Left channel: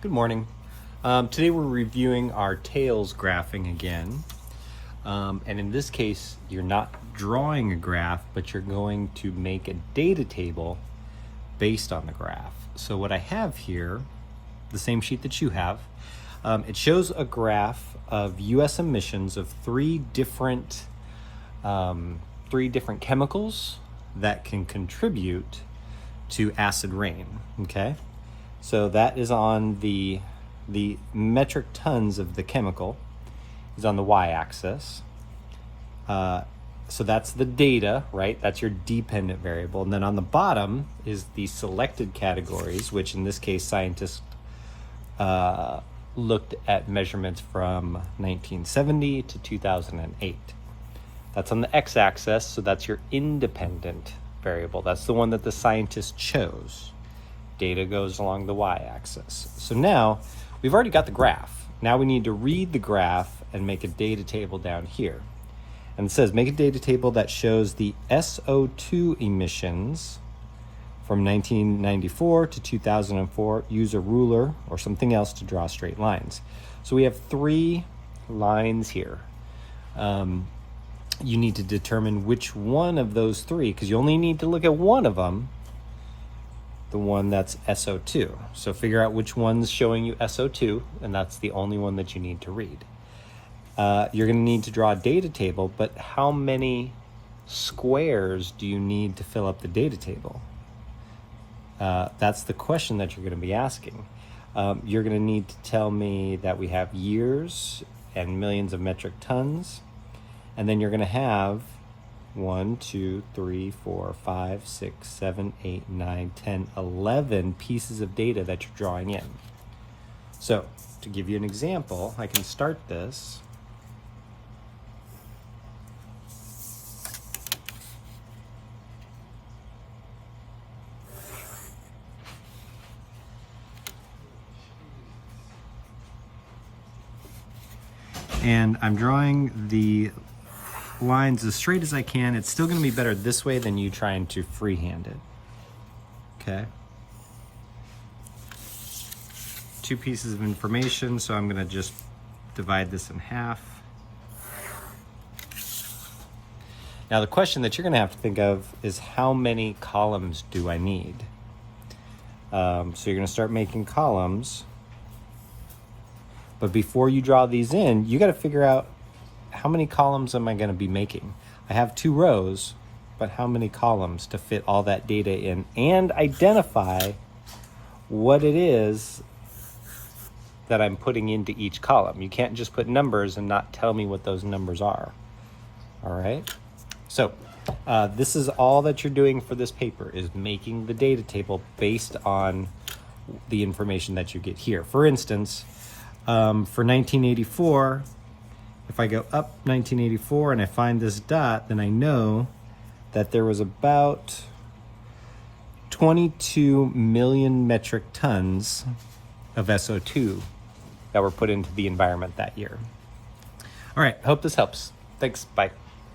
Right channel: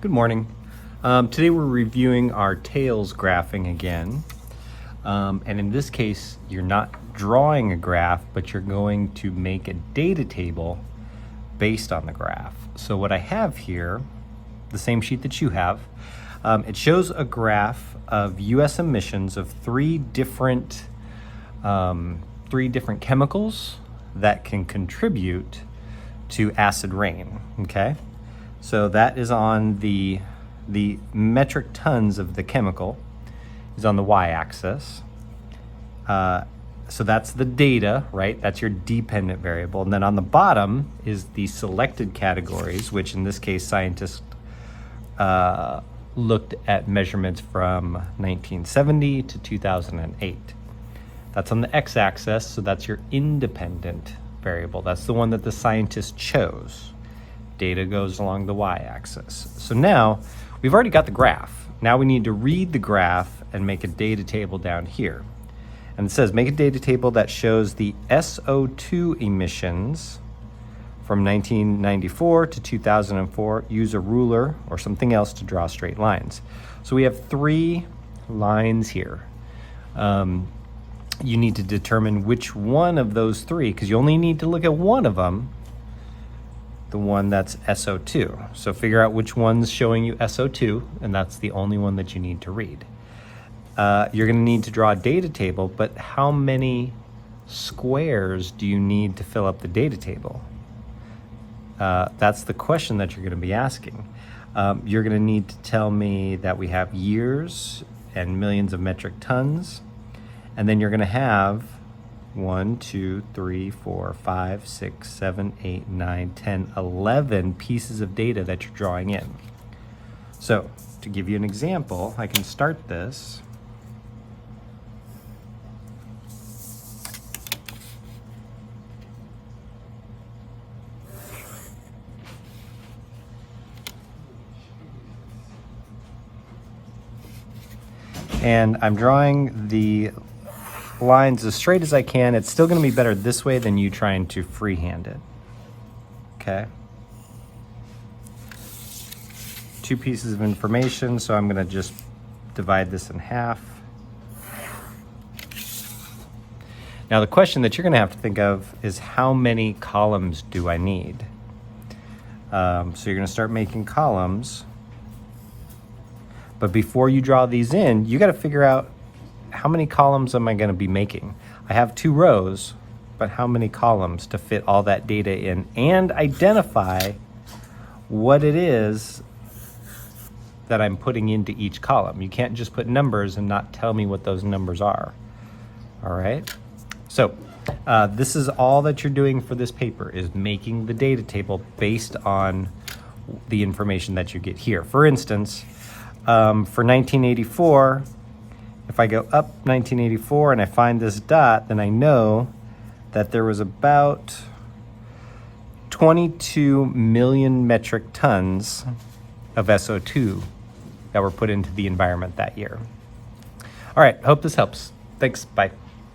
Good morning. Today we're reviewing our tails graphing again. And in this case, you're not drawing a graph, but you're going to make a data table based on the graph. So what I have here, the same sheet that you have, it shows a graph of US emissions of three different chemicals that can contribute to acid rain, okay? So that is on the metric tons of the chemical is on the y-axis. So that's the data, right? That's your dependent variable. And then on the bottom is the selected categories, which in this case, scientists looked at measurements from 1970 to 2008. That's on the x-axis, so that's your independent variable. That's the one that the scientists chose. Data goes along the y-axis. So now we've already got the graph. Now we need to read the graph and make a data table down here. And it says make a data table that shows the SO2 emissions from 1994 to 2004. Use a ruler or something else to draw straight lines. So we have three lines here. You need to determine which one of those three, because you only need to look at one of them, the one that's SO2. So figure out which one's showing you SO2, and that's the only one that you need to read. You're gonna need to draw a data table, but how many squares do you need to fill up the data table? That's the question that you're gonna be asking. You're gonna need to tell me that we have years and millions of metric tons, and then you're gonna have 1, 2, 3, 4, 5, 6, 7, 8, 9, 10, 11 pieces of data that you're drawing in. So to give you an example, I can start this. And I'm drawing the lines as straight as I can. It's still gonna be better this way than you trying to freehand it, okay? Two pieces of information, so I'm gonna just divide this in half. Now the question that you're gonna have to think of is how many columns do I need? So you're gonna start making columns, but before you draw these in, you gotta figure out how many columns am I gonna be making? I have 2 rows, but how many columns to fit all that data in and identify what it is that I'm putting into each column. You can't just put numbers and not tell me what those numbers are, all right? So this is all that you're doing for this paper, is making the data table based on the information that you get here. For instance, for 1984, if I go up 1984 and I find this dot, then I know that there was about 22 million metric tons of SO2 that were put into the environment that year. All right, hope this helps. Thanks, bye.